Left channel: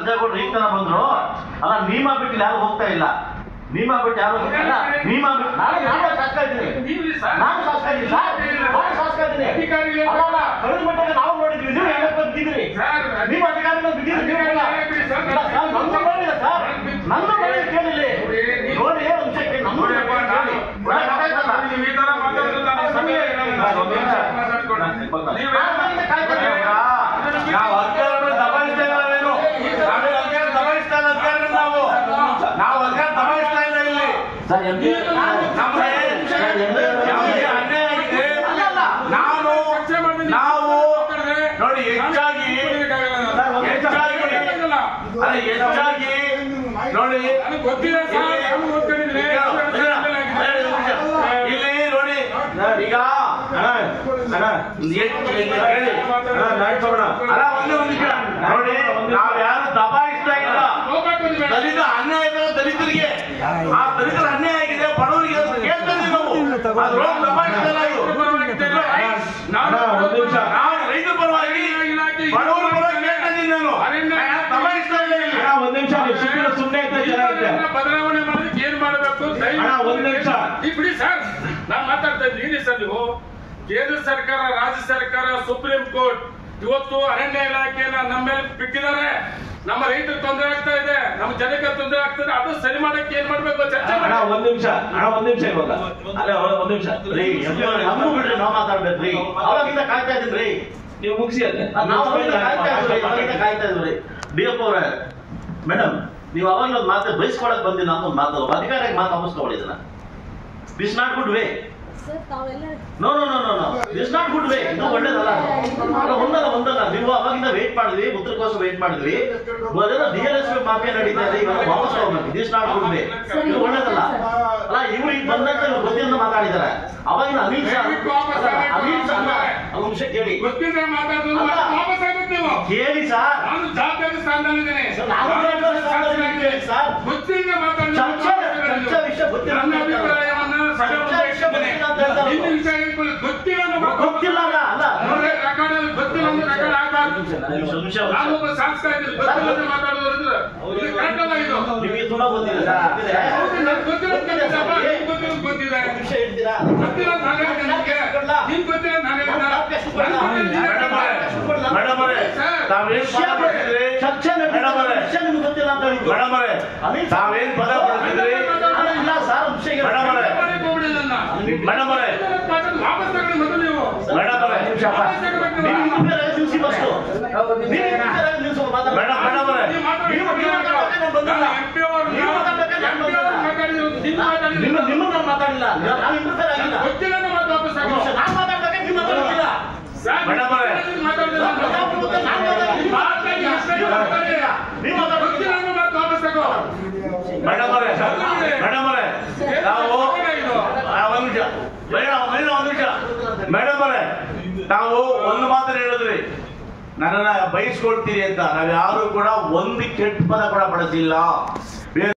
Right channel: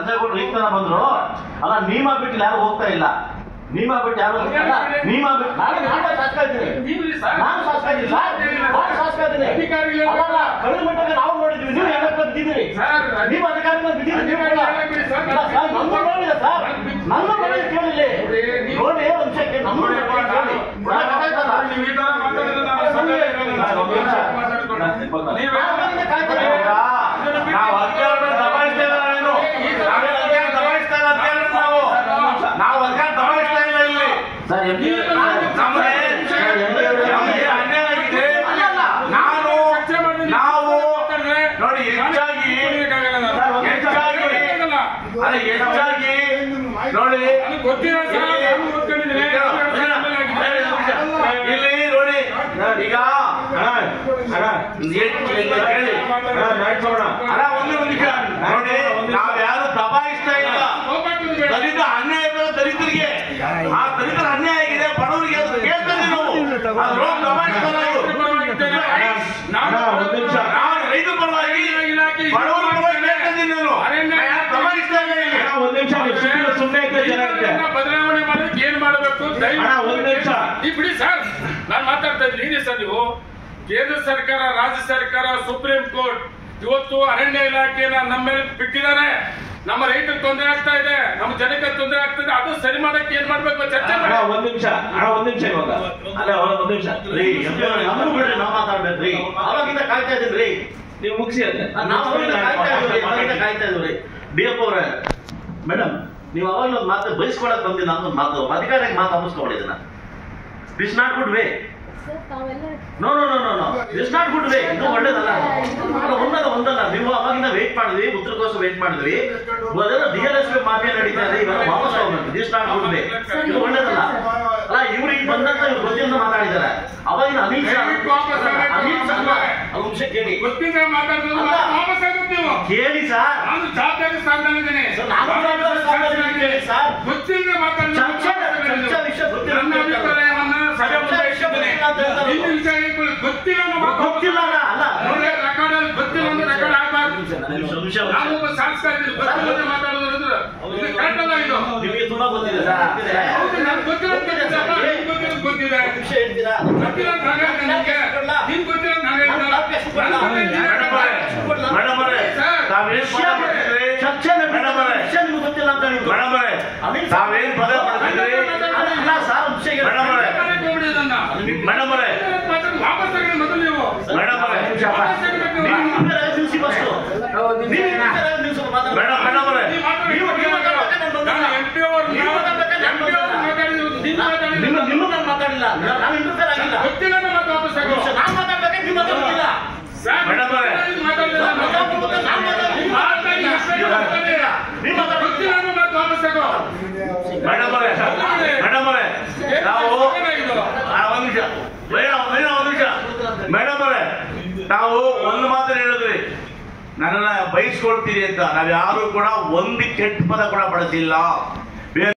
ಅಜ್ಜಗೌಡ್ರು ಈಗ ತರ ಬಂದ್ರು ಅಲ್ಲ ನೀಮಾ ಬಿಟ್ಟು ಯಾರು ಹೋಗ್ತಾ ಇಲ್ಲ ನೀಮಾ ಬಿಟ್ಟು ಯಾರು ಅಲ್ಲ ನೀಮಾ ಬಿಟ್ಟು ನಾನು ಶಾಸಕ ಇದ್ದೀನಿ ನಾನು ಶಾಸಕ ಇದ್ದೀನಿ ಸರ್ ನಾನು ಶಾಸಕ ಇದ್ದೀನಿ ಅಲ್ಲ ಕಳೆದ ಮಟ್ಟಿಗೆ ನಾವು ನೋಡಿದ್ವಿ ನೀವು ಎಲ್ಲ ಬಿದ್ದಿದ್ರಿ ನೀವು ಅಧಿಕಾರಿಗಳು ಬಿದ್ದಿದ್ರಿ ನೀವು ನಮ್ದು ನೋಡಿಲ್ಲ ಸರ್ ನಮ್ದು ನೋಡಿ ಕೇಳಿಲ್ಲ ನೋಡಿ ಒಂದು ಸೆಕೆಂಡ್ ನಮ್ದು ನಾವು ಅಧಿಕಾರಿಗಳು ದಬಾಯಿಸ್ತಾ ಇಲ್ಲ ದಬಾಯಿಸ್ತಾ ಇಲ್ಲ ಅಂತ ಹೇಳಿದ್ರೆ ನಾವು ಅಧಿಕಾರ ದಬಾಯಿಸ್ತಾ ಇಲ್ಲ ಇಲ್ಲಿ ನಮಗೆ ಅನ್ಯಾಯ ಆಗಿದೆ ನಾವು ನೋಡಿ ಹೆಚ್ಚಾಗಿ ನೋಡಿ ಇಲ್ಲಿ ನೋಡಿ ಈಗ ನೋಡಿ ನಾವ್ ಯಾರು ದಬಾಯಿಸ್ತಾ ಇಲ್ಲ ದಲಿತ ಅನ್ಯಾಯ ದಲಿತರಿಗೆ ಆ ದಲಿತರ ಅನ್ಯಾಯ ಆಗಿದೆ ಬಡವರಿಗೆ ಅದು ಕೇಳ್ತೇವೆ ನಾವು ದಬಾಯಿಸ್ತಾ ರೈತರ ಪರವಾಗಿ ಬಡವರ ಪರವಾಗಿ ಕೇಳ್ತೇನೆ ನಾನು ದಬಾಯಿಸ್ತಾ ಇಲ್ಲ ಒಂದ್ ನಿಮಿಷ ಸುಮ್ಮನೆ ಬದಲಾವಣೆ ಮಾಡೋದಕ್ಕೆ ಏನ್ ಮಾಡಬೇಕು ಒಂದ್ ನಿಮಿಷ ಬಿಡಿ ಸರ್ ನಾನ್ ಮಾತಾಡ್ತಾ ಇದ್ದೀನಿ ಸರ್ ನೀವು ಕೇಂದ್ರ ಸರ್ಕಾರ ರಾಜ್ಯ ಸರ್ಕಾರ ಸುಪ್ರೀಂ ಕೋರ್ಟ್ ಇವತ್ತು ಅರಣ್ಯ ಇಲಾಖೆನ ನಮ್ಮ ಮೇಲೆ ಬಿಟ್ಟಿದ್ದಾರೆ ನಮ್ಮ ರೈತರಿಗೆ ತೊಂದರೆ ಆಗ್ತಾ ಇದೆ ನಮ್ಮ ಜನಕ್ಕೆ ತೊಂದರೆ ಆಗ್ತದೆ ಅದು ಸರಿ ಮಾಡಕ್ಕೆ ಏನ್ ಮಾಡ್ಬೇಕು ಚರ್ಚೆ ಒಂದ್ ನಿಮಿಷ ಇವಾಗ ಒಂದ್ ನಿಮಿಷ ಬಿಡ್ರಿ ನಾವು ಮಾತಾಡ್ಬೇಕ್ರಿ ಅವಾಗಿಂದ ಕಾಯ್ತಾ ಇದೀನಿ ನೀವು ಮುಗಿಸಿ ಅದೇ ಕಾಯ್ತಾ ಇದ್ರಿ ಡಿಎಫ್ ಅವರೇ ಮೇಡಮ್ ನೀವು ಅವಾಗ ಒಂದು ಮಾತು ಬಯಸ್ಕೊಳಕ್ ಬಂದಿ ನಮ್ದೊಂದು ಮಾತು ಅಧಿಕಾರಿಯಾಗಿ ಮಾತು ಅನಿಸ್ಕೊಳ್ಳಿದನ this not good way no no no no no this not good way ಇದು ಒಳ್ಳೇದಲ್ಲ ಒಂದಲ್ಲ ನೀವು ಅವಾಗಿಂದ ವೇಟ್ ಮಾಡಿದ್ವಿ ಉತ್ತರಕ್ಕೋಸ್ಕರ ವೇಟ್ ಮಾಡಿದ್ವಿ DLSP ಮಾಫಿಯಾ ನಡೀತಾ ಇದೆ ಇವಾಗ ವಾಪಸ್ ಹೋಗ್ಬೇಕು ದಿಸ್ ನಾಟ್ ಗುಡ್ ವೇ ಇದು ಒಳ್ಳೇದಲ್ಲ ಅಲ್ಲ ಇವ್ರು ಈಗ ಬಂದಂತ ಗೊತ್ತಿಂದ ಮಾತಾಡಿದ್ದಾರೆ ಅವಾಗಿನ ಅಮಿತ್ ಶಾ ಅಂಶ ಕೇಳಿ ಕೇಳಿ ಸರ್ ಗೊತ್ತಿಲ್ಲ ನಿಮಗೆ ತುಂಬಾ ಗೊತ್ತಿದೆ ಗೊತ್ತಿಲ್ಲ ಅಂತ ತಾವೇನ್ ಪದ ಪಡ್ತಿದ್ರಿ ನಿಮ್ಮನ್ನ ಮಾತಾಡಿಲ್ಲ ನಾವು ಇಂಟರ್ಫೇರ್ ಆಗಿಲ್ಲ ಗೊತ್ತಿಲ್ಲ ನಾನು ಮಾತಾಡ್ಬೇಕು ನೀವು ಮಾತಾಡ್ತಿಲ್ಲ ಮೇಡಮ್ ಅವರೇ ನಾವು ಒಂದು ಮಾತು ಹೇಳಿದ್ರಿ ನನ್ನನ್ನ ಬಯಸ್ಕೊಳ್ತೀರಿ ಅಂತ ನಾವ್ ಯಾರು ಕೂಡ ಒಂದು ಕೆಟ್ಟ ಪದ ಕೂಡ ಬಳಸಿಲ್ಲ.